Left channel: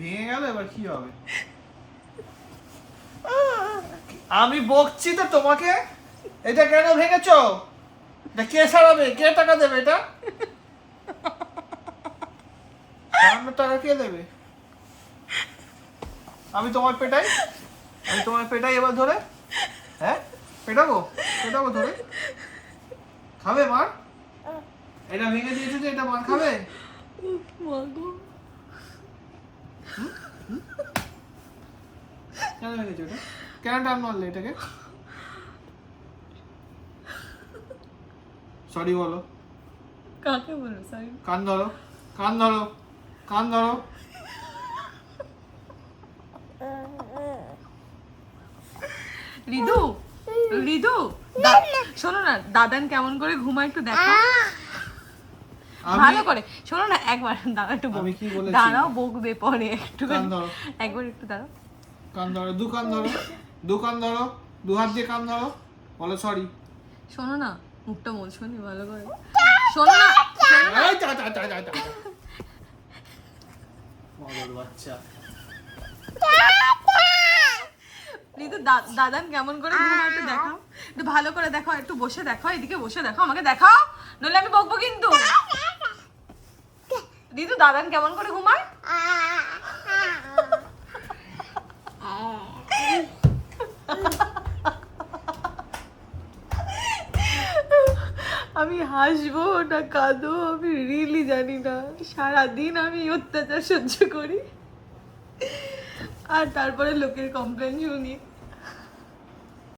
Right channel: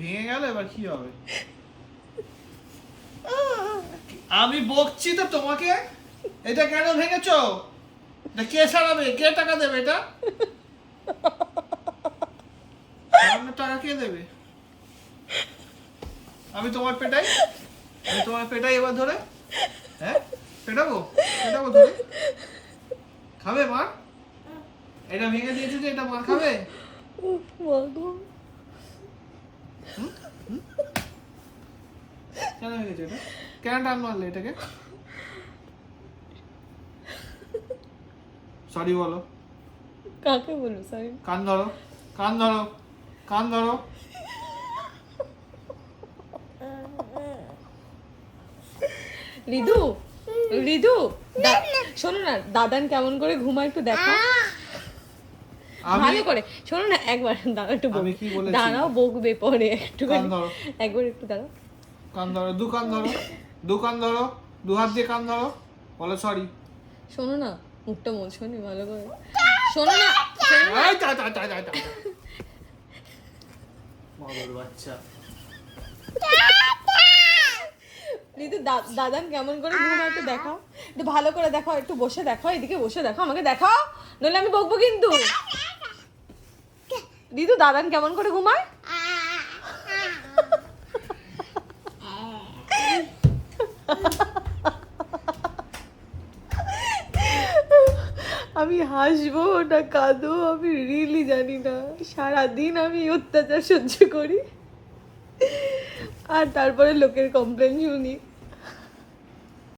ভেঙে গেল, এবার কি হবে? আমি বকছি তো তোমাকে, এটা কেন ভেঙেছো? এটা কে সারাবে? কে টাকা দেবে? এটা সারানোর টাকা কে দেবে? আমি তোমার পেটাই, আমি তোমার পেটাই এবার ধরে। হ্যাঁ, পেটাবো, পেটাবো ধরে। খাবে মার? এটা ভেঙে দিয়েছে যে এটা মার খাবে? কেন ভেঙেছো এটা? কেন টান মারলে এটাকে? সরি বলো। কাকে বলবো সরি? কান ধরো, কান ধরো, কান ধরো। রিদু, রিদু, শোনো না, দাদান কেমন করে ঘুমায় একটু দেখো ভালো করে। শোনো না একবার, দাঁড়াও একটু আমি কি বলেছি? দাঁড়াও, বকবে পরে একটু। কান ধরো, একবার একটু দাঁড়াও। কান ধরো, দু কান ধরো, দু কান ধরো, দু হাত দিয়ে কান ধরো, বলো সরি। শোনো না, মুখটা বলছো নি ভালো করে। শোনো না, এই যা যা যা যা যা। মদর বাচ্চা। রিদু, দাদান কেমন করে ঘুমায় একটু দেখাও, একটু ভালো করে দেখো, একটু বসে দেখো, এদিকে বসে দেখো, আমাকে দেখাও, নইলে আমি বকবো কিন্তু। রিদু, দাদান কেমন করে ঘুমায়? আমি হাসবো না কাঁদো আমি রিয়েলি জানি না। সারাদিন আমি অত্যাচার সহ্য করি, আর তারপরে লোকের কমপ্লেন শুনি।